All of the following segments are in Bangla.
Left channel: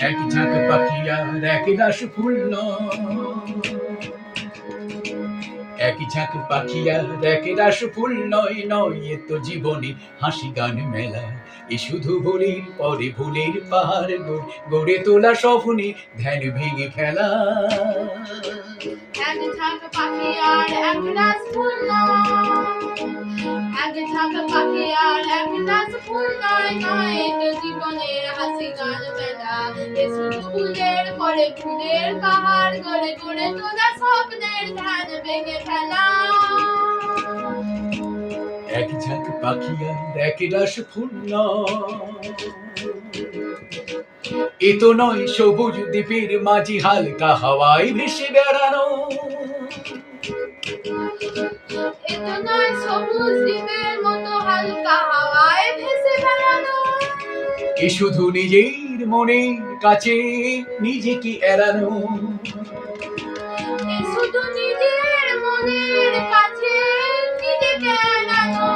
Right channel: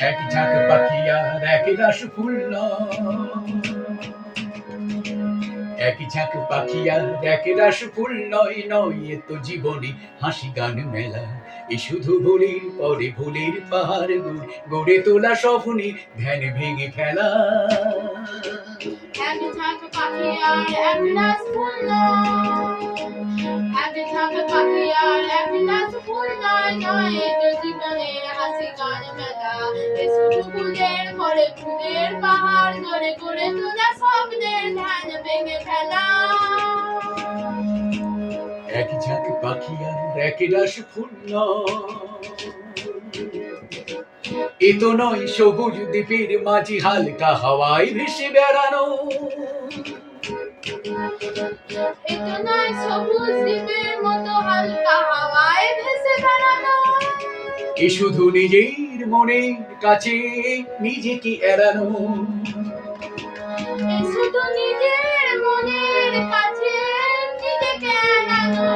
এক ঝাঁক পাখি আর এক রাস ফুল এক ঝাঁক পাখি আর এক রাস ফুল নয় নয় এ তো জীবনে হাসি গান মেলা এ শুধু ভুলের পরে ভুলের পাহাড় গড়ে তোলা স্বপ্নে ধ্যান ভেঙে ফেলা এক ঝাঁক পাখি আর এক রাস ফুল এক ঝাঁক পাখি আর এক রাস ফুল নয় নয় এ তো জীবনের হাসি গান মেলা এ শুধু ফুলের পরে ফুলের পাহাড় গড়ে গড়ে তোলা স্বপ্নের ধ্যান ভেঙে ফেলা এক ঝাঁক পাখি আর এক রাস ফুল এ তো নয় সবুজ দ্বীপের মাঝি হালকা হাওয়ায় ভেসে বেড়ানো এ তো নয় সবুজ দ্বীপের মতো হালকা হাওয়ায় ভেসে বেড়ানো এ শুধু নিজের মনের কাছে নিজেকে এড়ানো এ শুধু নিজের মনের কাছে নিজেকে এড়ানো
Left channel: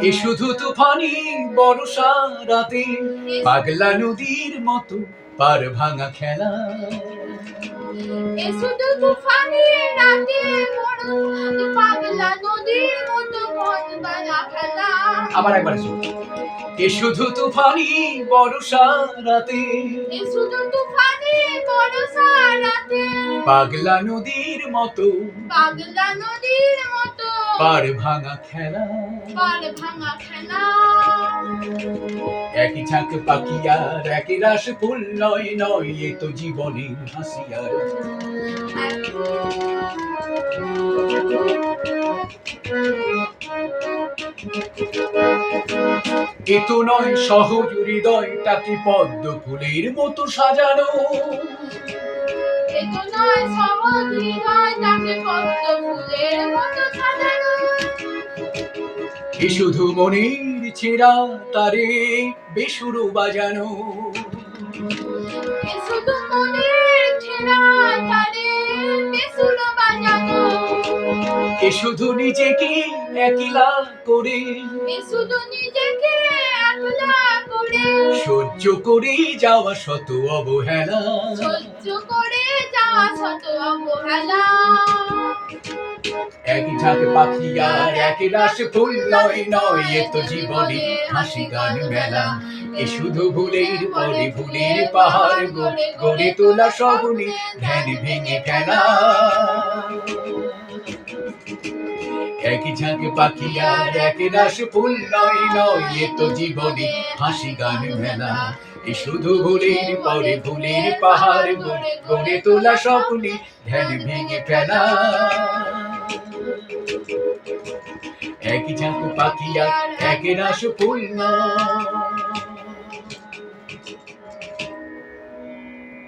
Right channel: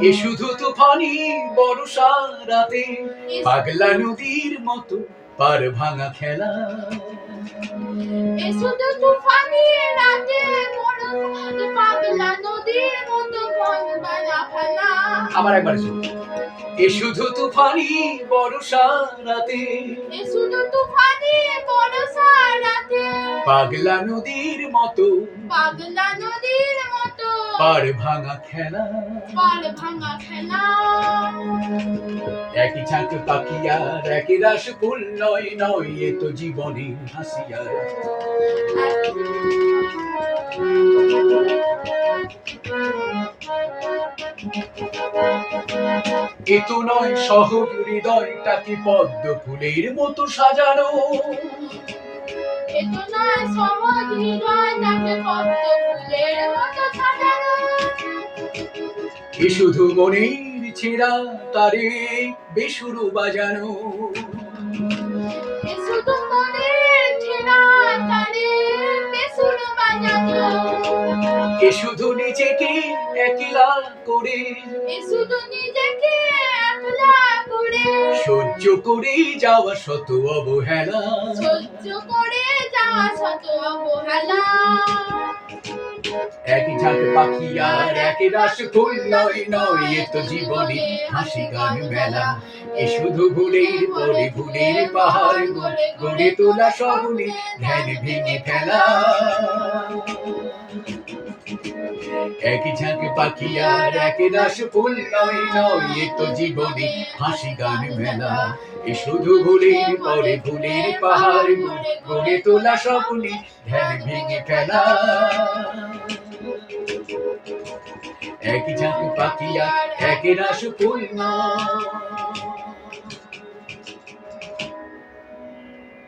এ শুধু তুফানি বর্ষা রাতে পাগলা নদীর মতো পার ভাঙা খেলা এ শুধু তুফানি রাতে পাগলা নদীর মতো মন বানা ফেলা আবার একবার এ শুধু তুফানি বর্ষা রাতে এ শুধু তুফানি বর্ষা রাতে পাগলা নদীর মতো পাগলা নদীর মতো পার ভাঙা খেলা পার ভাঙা খেলা একই ঝাঁক পাখি আর একই রাস ফুল নয় নয় এ তো জীবনের হাসি আর এ তো নয় সহজ হৃদয়টাকে পদ্ম ফুলের মতো সাজানো এ তো নয় সহজ হৃদয়টাকে পদ্ম ফুলের মতো সাজানো এ শুধু মনের ছেঁড়া তারে বেসুরো বাজানো এ শুধু মনের ছেঁড়া তারে বেসুরো বাজানো এ শুধু নিজেকে একলা করে এ শুধু নিজেকে একলা করে সহ্য করে যাওয়া শত অবহেলা সহ্য করে যাওয়া শত অবহেলা একই ঝাঁক পাখি আর এক রাস ফুল নয় নয় এ তো জীবনে হাসি গান মেলা এ শুধু ভুলের পরে ভুলের পাহাড় গড়ে তোলা স্বপ্নে ধ্যান ভেঙে ফেলা একই ঝাঁক পাখি আর এক রাস ফুল নয় নয় এ তো জীবনে হাসি গান মেলা এ শুধু ভুলের পরে ভুলের পাহাড় গড়ে তোলা স্বপ্নে ধ্যান ভেঙে ফেলা একই ঝাঁক পাখি আর এক রাস ফুল